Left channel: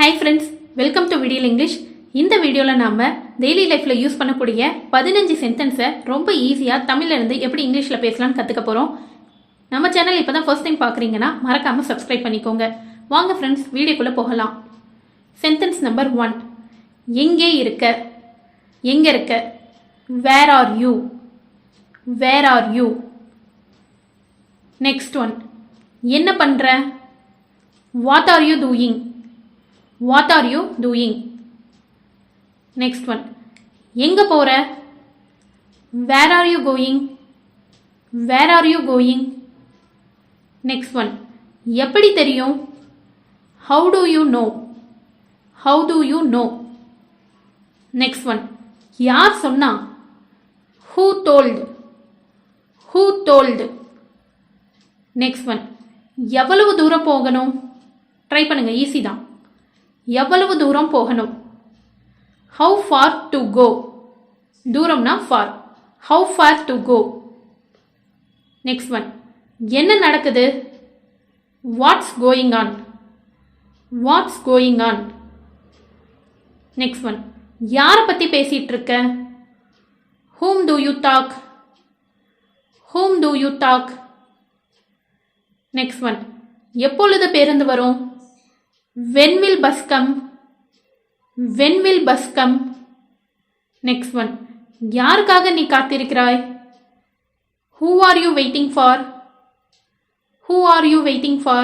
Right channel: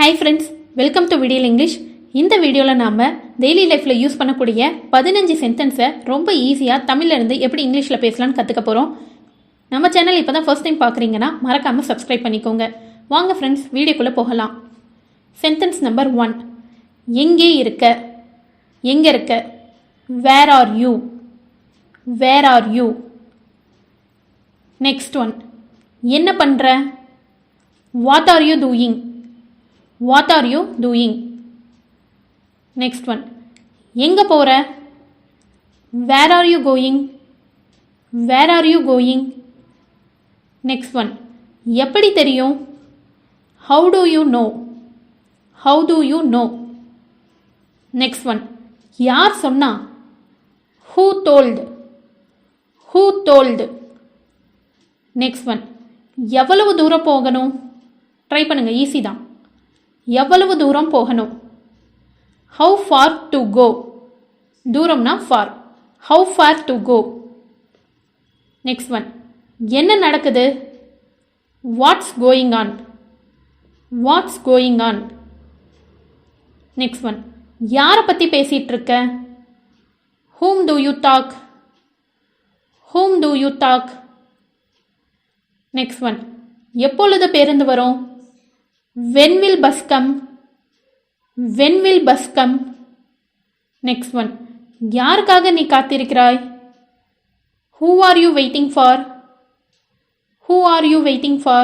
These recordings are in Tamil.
ஹாய் ஃப்ரெண்ட்ஸ், வெல்கம் டு விடியல் இங்கிலீஷ். இந்த வீடியோவில் நாம் டெய்லி லைஃப்பில் யூஸ் பண்ணக்கூடிய 15 சென்டென்ஸை ரொம்ப ஈஸியாக தமிழ்லேருந்து எப்படி இங்கிலீஷில் பேசலான்னு கற்றுக்க போகிறோம். நம்ம சேனல் இப்போ தான் ஃபர்ஸ்ட் டைம் பார்க்குறீங்கன்னா மறக்காமல் சப்ஸ்கிரைப் பண்ணிக்கோங்க. வாங்க ஃப்ரெண்ட்ஸ், வீடியோக்குள்ளே போகலாம். Sentence number 1. எங்கே இருக்க, எங்கே இருக்க. Where are you, where are you. Next one. என்ன பண்ணுற, what are you doing, what are you doing. Next one. எங்க போற, where are you going, where are you going. Next one. எப்படி தெரியும், how do you know, how do you know. Next one. யார் சொன்னா, who told, who told. Next one. எவ்வளவு தூரம் போகணும், ட்ரை பண்ணுங்க, ஈஸி தான். எவ்வளவு தூரம் போகணும், how far to go. தூரம்னா far, how far to go. Next one. என்ன நடக்குது, what's going on, what's going on. Next one. யாரை பத்தி பேசிட்டு இருக்க, whom do you talk, whom do you talk. Next one. எப்பொழுது பேருந்து வரும், when will bus come, when will bus come. Next one. யாருக்காக நீ காத்திருக்கிறாய், who are you waiting for, who are you waiting for.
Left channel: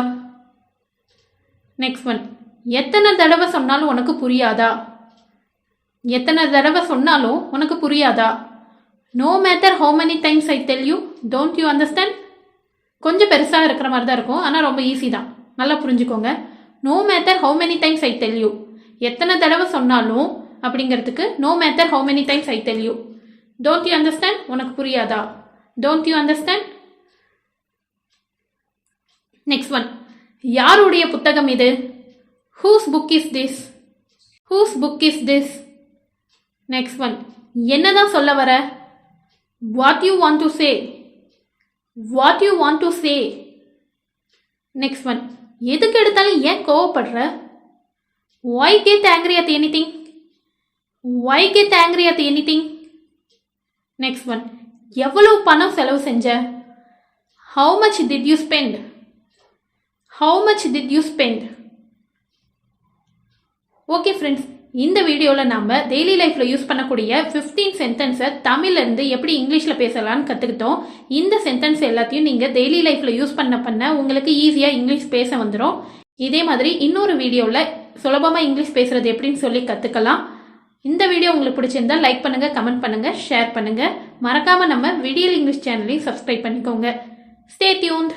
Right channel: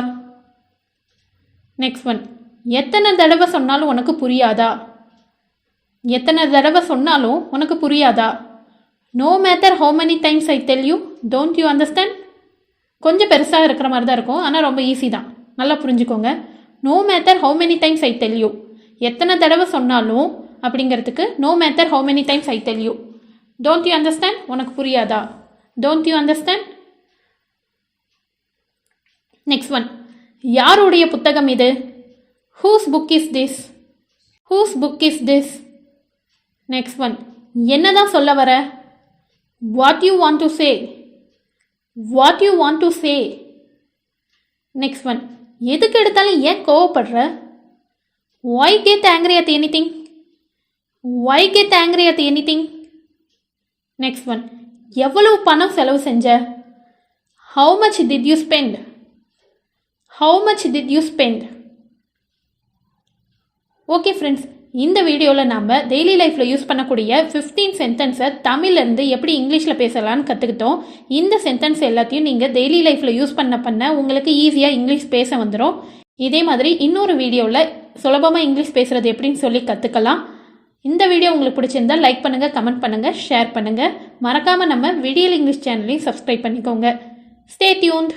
Next one. எத்தனை தடவை சொன்னாலும் உனக்கு புரியாதா, எத்தனை தடவை சொன்னாலும் உனக்கு புரியாதா. no matter how many times I tell you, don't you understand. கொஞ்சம் பெருசாக இருக்கிற மாதிரி தான் இருக்கும், ஆனால் ரொம்ப ஈஸி தான், நல்லா புரிஞ்சுக்கோங்க. no matter how many times I tell you. எத்தனை தடவை சொன்னாலும் அப்படிங்கிறதுக்கு no matter how many times I tell you. don't you understand, உனக்கு புரியாதா, don't you understand. Next one. யாருடைய புத்தகம் இது, whose book is this, whose book is this. Next one. என்னதான் சொல்ல வர, what you want to say, what you want to say. Next one. எதுக்கு எடுத்தாலும் ஏன் கோவப்படுற, why get angry at anything, why get angry at anything. Next one. எவ்வளவு பணம் செலவு செஞ்ச, how much did you spend, how much did you spend. Okay friends, இந்த வீடியோவில் நம்ம டெய்லி லைஃப்பில் யூஸ் பண்ணக்கூடிய 15 சென்டென்ஸை தமிழ்லேருந்து எப்படி இங்கிலீஷில் பேசலான்னு கற்றுக்கிட்டோம். இந்த சென்டென்ஸ் எல்லாத்தையும் நீங்கள் டெய்லி லைஃப்பில் யூஸ் பண்ண உங்களுக்கு ஈஸியாக இங்கிலீஷ் பேச வந்துடும். இதே மாதிரி இன்னொரு வீடியோவில் சுலபமாக இங்கிலீஷ் பேசுகிறது எப்படின்னு சொல்லி கற்றுக்கலாம். இந்த வீடியோ உங்களுக்கு பிடிச்சிருந்தால் லைக் பண்ணுங்கள், கமெண்ட் பண்ணுங்கள், ஷேர் பண்ணுங்கள். மறக்காமல் நம்ம விடியல் இங்கிலீஷ் சேனலையும் சப்ஸ்கிரைப் பண்ணிக்கோங்க. Stay tuned.